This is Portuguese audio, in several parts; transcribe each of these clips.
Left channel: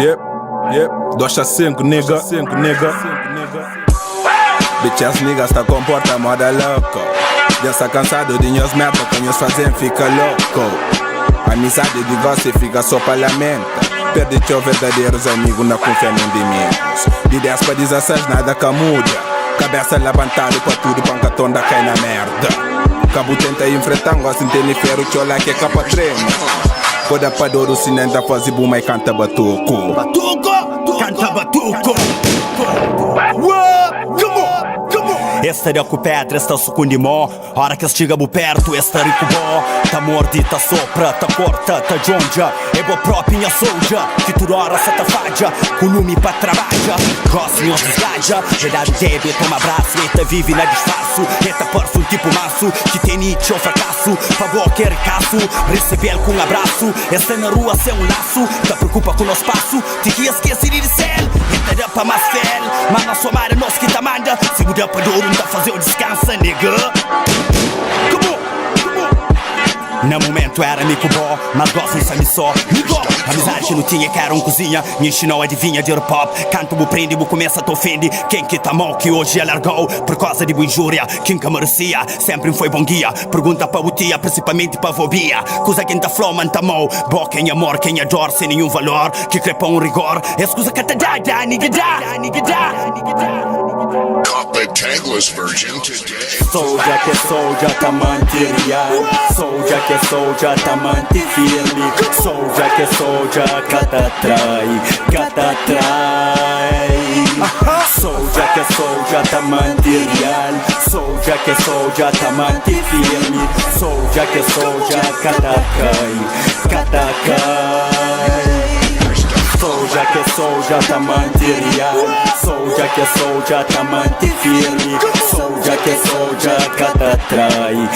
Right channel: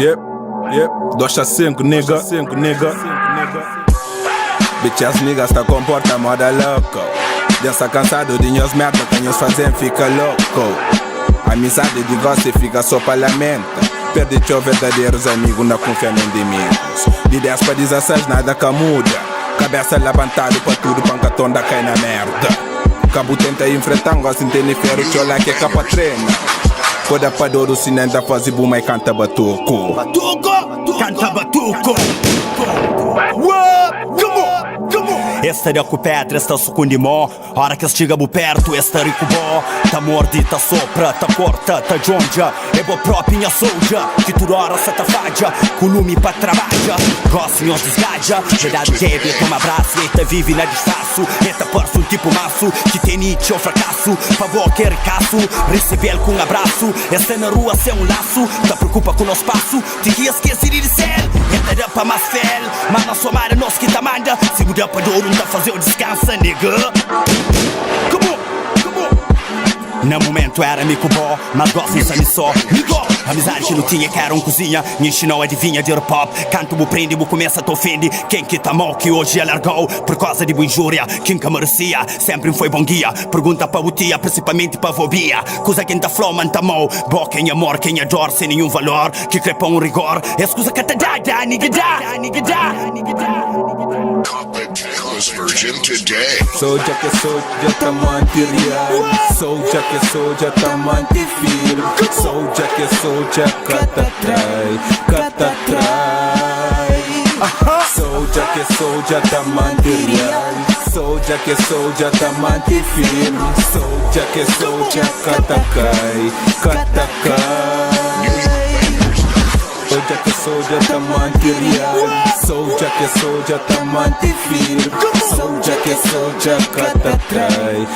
Yep. 2 a 5, nigga. Bitches niggas tá comporta moda louco. Já está cansado de nós merda que nós fazem fica louco. Amizade de gosto fica só parlamento. Perde teu verdadeiros amigos, não confia em inimigos. De 10 para 16 nada que muda. Cabeça levantado para tudo, pancatonda cai na merda. Cabo tenta enfrentar, gosta de ter ferro, tchola que é capa treina. Coda para dor, o cine ainda faz buma e canta batuco. Canta batuco. Esta é com pedra, esta sucundi mó. Hora que estiga bu perto, esta rico bó. Ta mordi, ta sopra, ta corta, ta jonja. É bo própria soldier, que tu hora se ta fadia. Colume pra trabalha, gosta em os desgaja. Redado dedo, e toma abraço, eta vive na disfarço. Eta parça um tipo maço, que tem nietzsche ou fracasso. Pavô que é ricaço, receber com um abraço. Esta na rua sem um laço, ta preocupa com o nosso passo. Te que esquecer de céu, eta dá pra mais fel. Mas na sua mara, nós que ta manda. Se mudar pra dor, tá fazer o descansa, nigga. Come on. No momento era mico bó, mas gosto de sami só. Migo, amizade que não tinha que era cozinha. Me ensinou adivinha de pop. Canto bu prende, bu começa a te ofende. Quem que tá mal que hoje alargou por causa de boa injúria. Quem que merecia, sempre foi bom guia. Pergunta pra o tia, principalmente pra fobia. Coisa quem tá flow, man tá mal. Bó quem amor, quem adora sem nenhum valor. Que crepa rigor. Escusa que tá dá, nigga dá. The tagless version today. Soldier que soldier tá material. Soldier que soldier tá mantifirme. Soldier que soldier cata trai. Soldier que soldier tá material. Soldier que soldier tá mantifirme. Soldier que soldier cata cai. Soldier que soldier tá material. Soldier que soldier tá mantifirme. Soldier que soldier cata trai.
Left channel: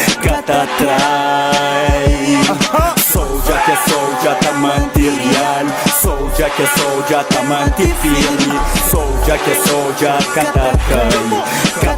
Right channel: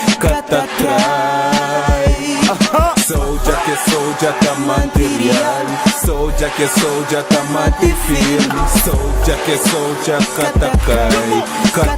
Soldier que soldier tá material. Soldier que soldier tá mantifirme. Soldier que soldier cata cai.